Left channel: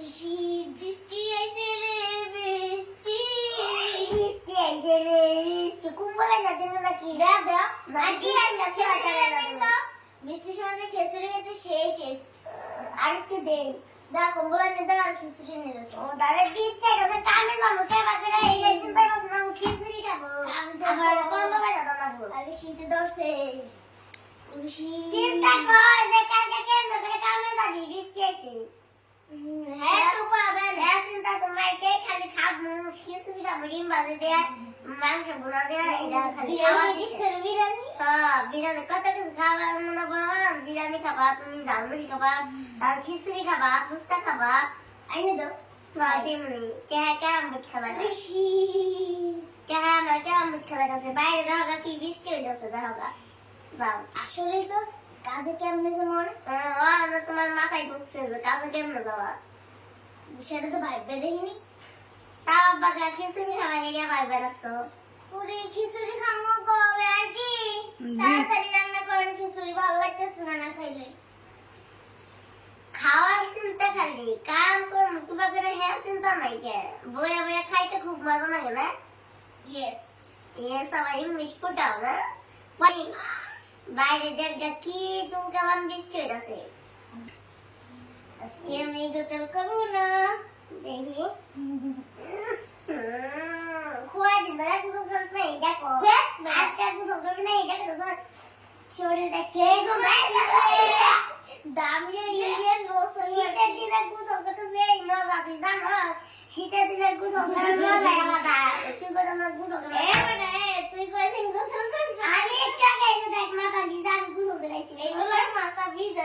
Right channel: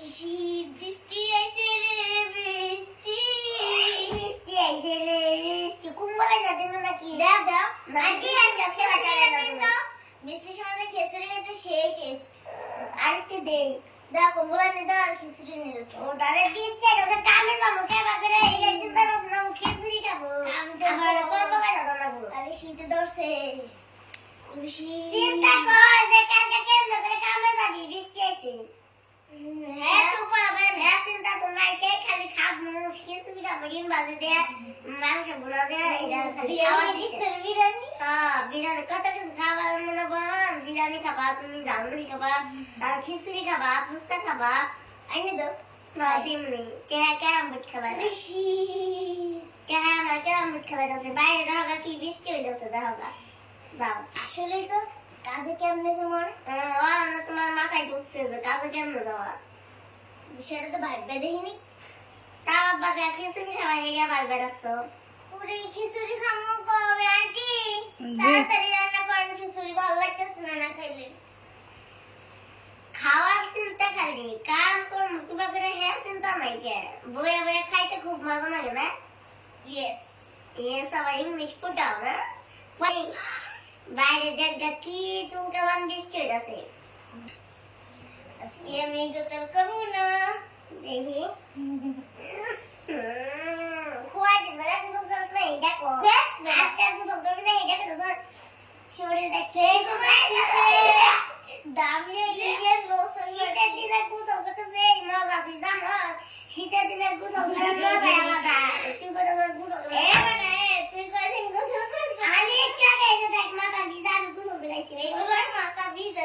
বৃষ্টি আইছে রে বৃষ্টি। বৃষ্টি আইছে রে বৃষ্টি। কুম্বলে যাতে না আন্টি আজকে আজকে আসছে খেসুরি খেতে তো। বৃষ্টির সময় তো খেসুরি খেতে সেই টেস্ট আরেকটু দে দা কম্বল এনে দাও আর খিচুড়ি এনে দাও। ও দাদা বৃষ্টি ওকে কামে যাব কে বাকরে এই চিন্তা করছ না ও খিচুড়ি খাব। আমি তো আবার কুম্বলে যাব না গো আরে শীতে ধরছে। চিন্তা কর যে কালকে কেন করে কামে যাবি বৃষ্টি আইছে। হ্যাঁ তো পাবেন হ্যাঁ চিন্তা খালি খাব খাবার করো তুমি খাবা আর খিচুড়ি খাবা ফুচকা খাবা আইনে দাও তেমনি বোর্ড খেলা বাইরে দেখো কি বৃষ্টি হইতেছে দেখো যাও আসলে তো কাজে কেমনে যে মনে? হ্যাঁ, ও না তোমার মাথায় ঢুকছে যে কাজে কেমনে যাওয়া সেটা তো ভাববে দেখিনি। তার আব্বা গা খিচুড়ি খাওয়া হেগে পারবে রাখছো। পুরি খিচুড়ি খামো কবে আন্টি। তাড়াতাড়ি রান্না করেন খিচুড়ি ভালো লাগতেছে না না খাইলে? খাওয়ার চিন্তা খালি কাম করব কিবা করে হ্যাঁ চিন্তা নাই কে? বয়ে বয়ে খাইতে খুব মজা লাগে না? ইয়েস Yes, আবার ইংলিশ ফুটাও না? বাইরে দেখ কি তুমি কেমন বৃষ্টি হইতাছে। আজকে আমি গোসল করব না। দেখি। খুয়াই দিন না গোসল করিস না দেখো। সে? আজকে গোসল করবি না দেখো তো শরীর দেখছে। দামি ইন্ডিয়ান শীতের দিনে করতেছে এই মজা তুই জানো। শীতের দিনে গোসল করার মজা আলাদা। তুই কোথাও করে এ তুই কয়দিন গোসল করছিস আমি একটু আগে এসে দেখ মাথা ভিজা আমি গোসল করাইছি এইগুলো মাথা ভিজা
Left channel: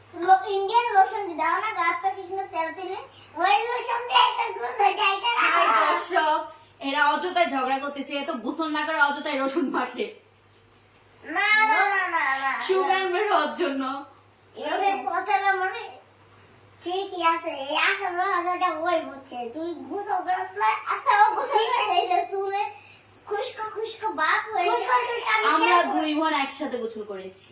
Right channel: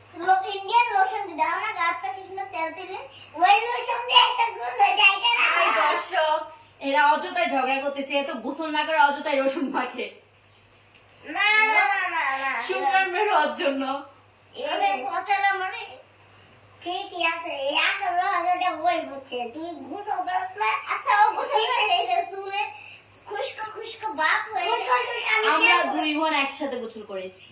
কর না কর না কর না করে কথা ইন্ডিয়ান লোশন দি দাও না গাছটা কৃষ্ণ তেল দিলে এই দর্শক এরা অযথায় ঝগড়া করতেছে এ তো গোসল না করে অযথায় রসুন মাখে। সুগ্রাম বের হওয়ার জন্য। এভাবে পচালা মানে ঠিকই আছে এই আসল আসলটা বই বুঝছে তুই গুসল করস না আচ্ছা ও গোসল করছে এই যে একসাথে গোসল করেছি।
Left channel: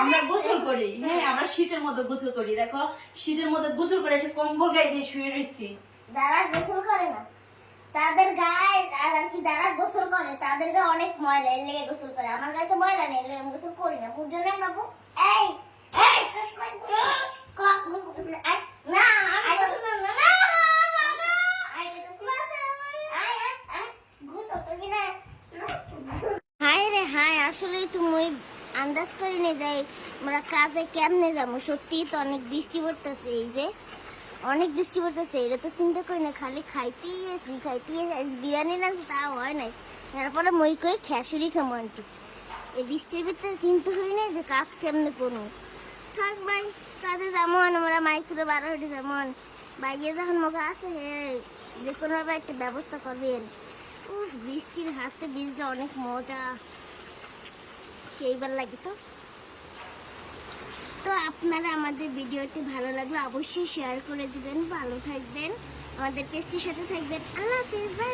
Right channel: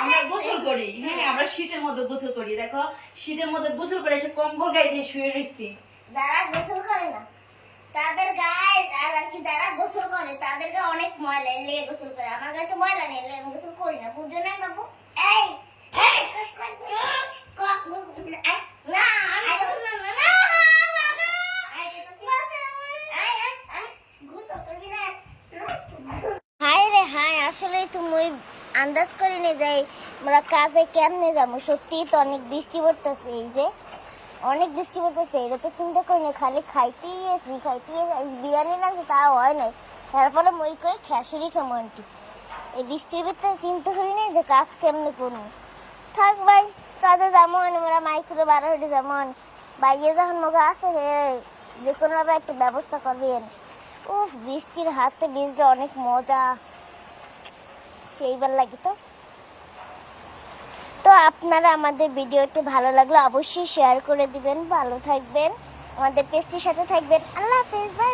আমরা গোসল করি হ্যাঁ আমরা শীতের মধ্যে গোসল করি। দেখো শীতের মধ্যে গোসল করে এসে কম্বল গায়ে দিয়ে শুয়ে রয়েছি। যারা গোসল করে না তাদের গায়ে আর কি যারা গোসল করে তাদের গায়ে অনেক ময়লা এর লেগে গোসল করে। আমার গায়ে তো ময়লা নেই এর লেগে আমি গোসল করি না। বুঝছ না বাবু? এই কৃষ্ণ ক গুসল না আই না আমি গোসল করব না না বাবা আই আই আই গুসল করবি না হাই রে হাই তুমি আন্দাজ করে নিয়ে যাই আমরা কাজে কেমনে যাব। সত্যি তো অনেক বৃষ্টি পড়তেছে এই যে। অনেক বৃষ্টি পড়তেছে, এটা তো চিন্তা করি না খালি খাইতেই এসি খাইতেই বিরিয়ানি নামছে তা হয় নাই। তারপরে মই কই খেসুরি খামো আন্টি। এই বৃষ্টির ভিতরে চিন্তা করি না যে কাজ কেমনে করব। থাক ভাই, কাজে যাব আমরা মাইকুরে বারো হেঁটে যাব বাইরে যখন মগা আছে, হে, যে কোনোভাবে একটা ব্যবস্থা করবেন। উফ, বৃষ্টির হাতে ভিজলে অনেক মজা। সেইবার লাগে তো। তো আপনারা আমাদের ভিডিওটি ভালো লাগলে অবশ্যই শেয়ার করে দিবেন, ভালো থাকবেন, আমাদের পেজটির সাথে থাকবেন। আল্লাহ হাফেজ বাই